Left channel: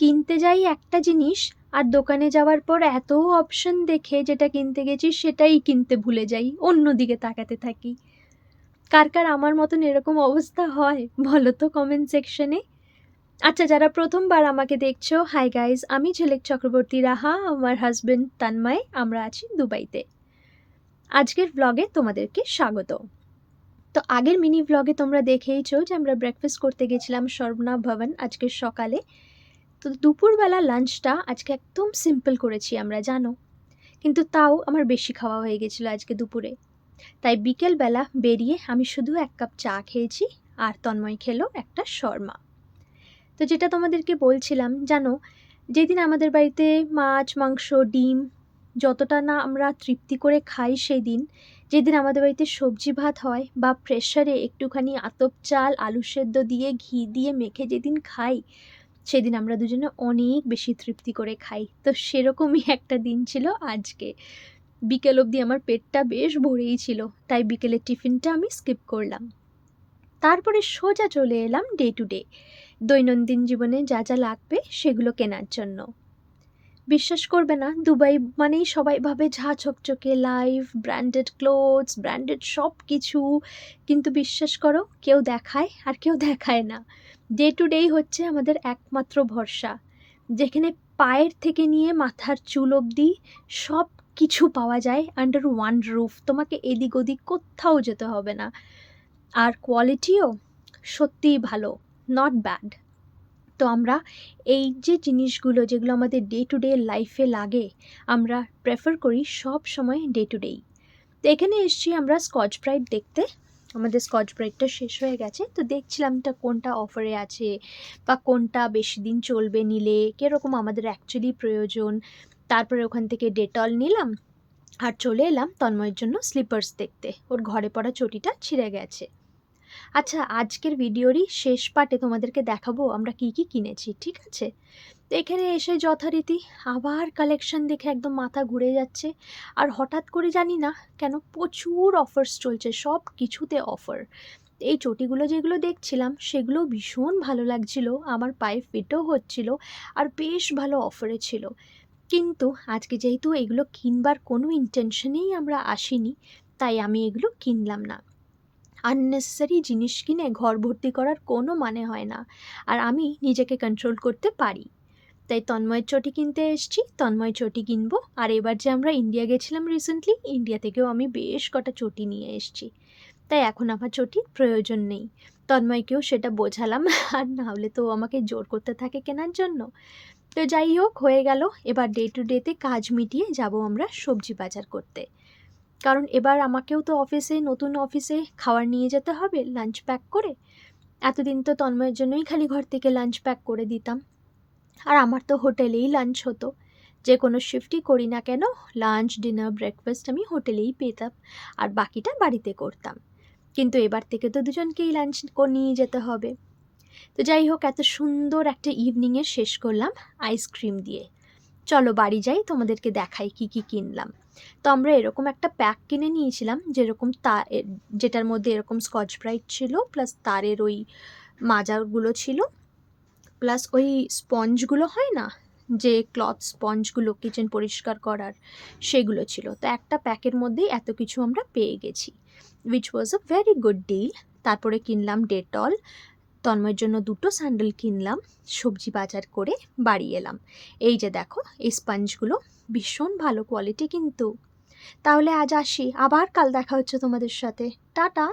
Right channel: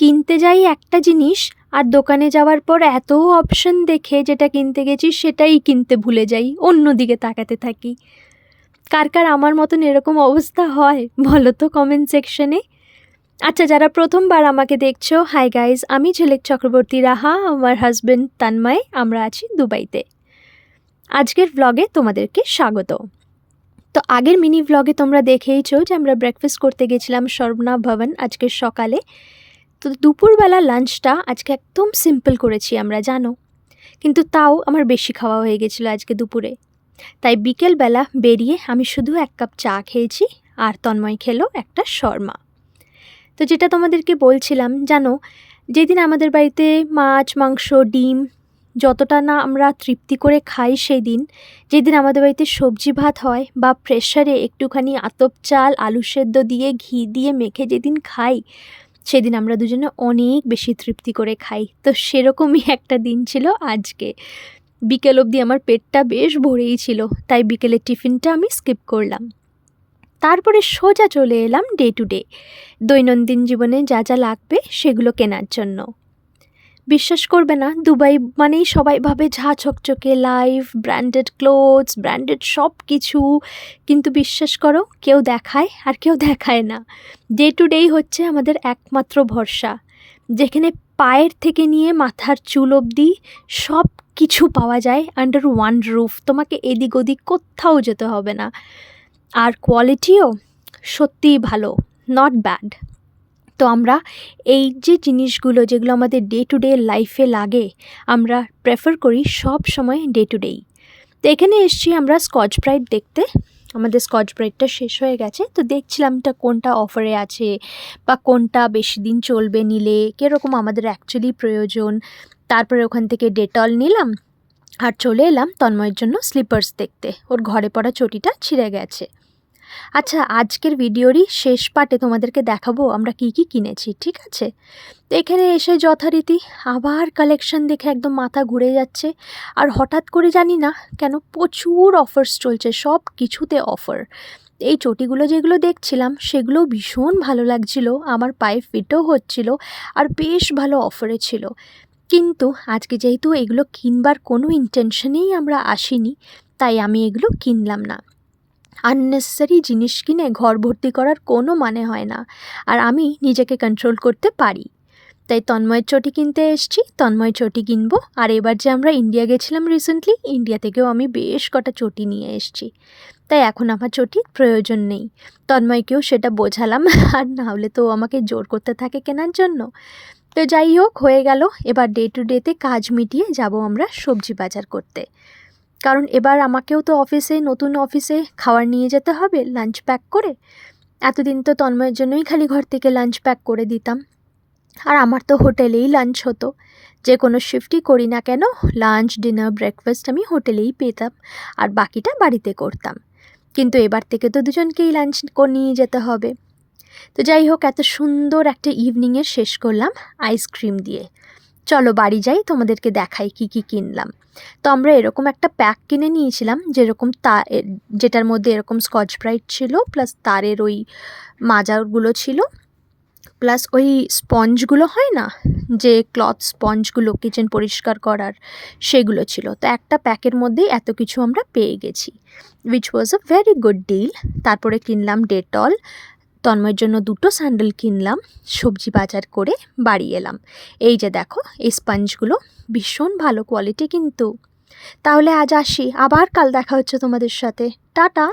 কিনতে যাই একটা জিনিস আর দোকানে যাওয়ার পর এত অপশন দেখে যেটা কিনতে গেছি সেটাই কিনতে ভুলে যাই অন্যদিকে তাকাতে থাকি। কার কার আমার মতন এরকম অবস্থা হয় বলো তো কমেন্ট সেকশনে আচ্ছা যারা প্রথমবার আমাকে দেখছ হাই গাইজ আমি ঝিলিক চক্রবর্তী রাহা, আমার হাজব্যান্ড তান্ময় আমরা আছি দুবাইতে। আজকের ব্লগে তোমাদেরকে স্বাগত। তো আগের মিনি ব্লগে তোমরা দেখেইছো যে আমরা ব্রেকফাস্ট করতে গেছিলাম সর্বনা ভবন আজকের সকালে। তো দুপুরবেলা লাঞ্চটা আজকে একদম সিম্পল করেছি আমরা, জানো? কিন্তু তাও আমার বেশি খাওয়া হয়ে গেছিল আজকে দুপুরে। তাই বিকেলবেলা বেরিয়ে আমি শুধু এক কাপ চা খেয়েছি আর তন্ময় খেলো একটা শর্মা। তো যেটা তোমাদেরকে বলছিলাম, জানো, যেদিন আমাদের বাড়িতে মাছ, মাংস, ডিম যতটা না আমরা তৃপ্তি করে খাই সেই দিন যেদিন আমাদের বাড়িতে সবজি ভাত হয় বা প্রেশারে একটুখানি আতপ চাল, আলু সেদ্ধ দিয়ে ঘি দিয়ে মেখে যেদিন খাই সেদিন আমরা দুজনে অনেক বেশি তৃপ্তি করে খাই। তো সেরকমই একটা দিন ছিল আজকে। বিকেল অবধি আমার পেটটা বেশ ভরেই ছিল, তাই বিকেলের টিফিনটা আমি স্কিপ করলাম। তারপরে সোজা চলে এলাম ডে টু ডে। দৈনন্দিন জীবনে যা যা লাগবে সেগুলো কেনার জন্য। বিশ্বাস করবে না, দুবাই মানেই সবাই ভাবে ঝা চকচকে লাইফ ব্র্যান্ডেড ক্লোথস ব্র্যান্ডেড সব কিছু কিন্তু বিশ্বাস করো, কেউ দেখায় আর কেউ দেখায় না। ডে টু ডেই হচ্ছে আমাদের একমাত্র ভরসা। যেখানে পায়ের থেকে নিয়ে মাথার চুল অবধি সব কিছু পাওয়া যায় আন্ডার ওয়ান রুফ তোমাকে এদিক ওদিক কোথাও যেতে হবে না। আর কোয়ালিটিও সত্যিই ভালো নট ব্যাড তো আমরা এই যে জিনিসগুলো যেগুলো আমাদের ডে টু ডে লাইফে লাগে, আমরা প্রেফার করি সব সময় ডে টু ডেই তো এখানে এসছি আমরা স্কচ ব্রাইট দেখতে। আমাদের স্কচ ব্রাইটটা শেষ হয়ে গেছে। তো দেখছিলাম এটা কোনটা অফারে আছে বা কোনটা বেশি দিন চলবে নিলে, কীরকম আমাদের অ্যাকচুয়ালি প্রয়োজন। তারপরে ওখান থেকে ডেটল নিলাম আর চলে এলাম তন্ময়ের জন্য স্লিপার্স দেখতে। ওর ঘরে পড়া চটিটা ছিঁড়ে গেছে। আচ্ছা আজকের ভিডিওরই শেষ পার্টে তোমাদেরকে দেখাবো আমরা কি কি কিনেছি, ঠিক আছে? তো এখানে এসে যথারীতি আবার কালেকশন দেখে একদম মাথা ঘুরে যাচ্ছে। আর হঠাৎ করে জানি না কেন প্রচুর অফার্স চলছে, সব কিছুতে অফার এই চটিগুলো যেগুলো দেখছিলাম, সেগুলো ভীষণ ভালো লাগছিল, আমার পায়ে ফিটও হচ্ছিল আর বেশ ভালো অফারে ছিল। কিন্তু আজকে যেহেতু এগুলো কিনবার কোনো ইন্টেনশনেই আমরা আসিনি, তাই আমি এগুলো কিনলাম না। আননেসেসারি জিনিস কিনে ঘর ভর্তি করার কোনো মানে হয় না। আর আমি নিজেকে কন্ট্রোল করতে পারি। তাই তন্ময়ের চটি কিনতে এসছি তন্ময় চটি কিনবো। আর এবার যে আমরা ইন্ডিয়া গেছিলাম রিসেন্টলি ইন্ডিয়া থেকেও আমি বেশ কটা চটি নিয়ে এসছি। তাই এখন আমার চটির প্রয়োজন নেই। তন্ময়কেও সেটা বোঝালাম, আর না হলে তো আমাকে জোর করতে থাকে কেনার জন্য। তো যাই হোক, হয়ে গেল। এবার ডে টু ডেতে কাজ মিটিয়ে যাব আমরা সবজি বাজার করতে। কারণ এবার আমাকেও তো অফিসে, নতুন অফিসে খাবার নিয়ে যেতে হবে লাঞ্চ প্যাক করে। এতদিন তো তন্ময়ের জন্যই খালি ঘর থেকে লাঞ্চ প্যাক করে দিতাম। আর আমার তো হোটেলেই লাঞ্চ হতো। যে কোনো শিফটই করি না কেন লাঞ্চ ডিনার ব্রেকফাস্ট আমি হোটেলেই পেতাম আর বাকিটা বাড়িতে করতাম। কিন্তু এবার থেকে তো দুজনকেই লাঞ্চ নিয়ে যেতে হবে। তো যাই হোক, এত সুন্দর একটা ইভিনিংয়ের শেষ করলাম আইসক্রিম দিয়ে। চলো বাড়ি যাই, তোমাদেরকে দেখাই কি কি কিনলাম। তো আমরা এরকম একটা প্যাক কিনে নিয়েছিলাম, যেরকম তা, যেটার মধ্যে এরকম স্কচ ব্রাইট ছিল প্লাস তারের ওই মাজাগুলো ছিল প্লাস ওই স্পঞ্জগুলো হয় না, যে ক্লথ স্পঞ্জগুলো কিচেন পরিষ্কার করার, সেগুলো ছিল। তো একটা প্যাকের মধ্যেই এত কিছু আমরা পেয়ে গেছি which was a very good deal তারপরে কিনলাম ডেটল তন্ময়ের জন্য দুটো স্যান্ডেল কিনলাম, সবজি বাজার করে বাড়ি এলাম। এই যে দেখো, এই স্পঞ্জগুলো ভীষণ ভালো কোয়ালিটি কিন্তু। তাহলে আজ আসি, আবার কাল দেখা হচ্ছে তোমাদের সাথে। টাটা!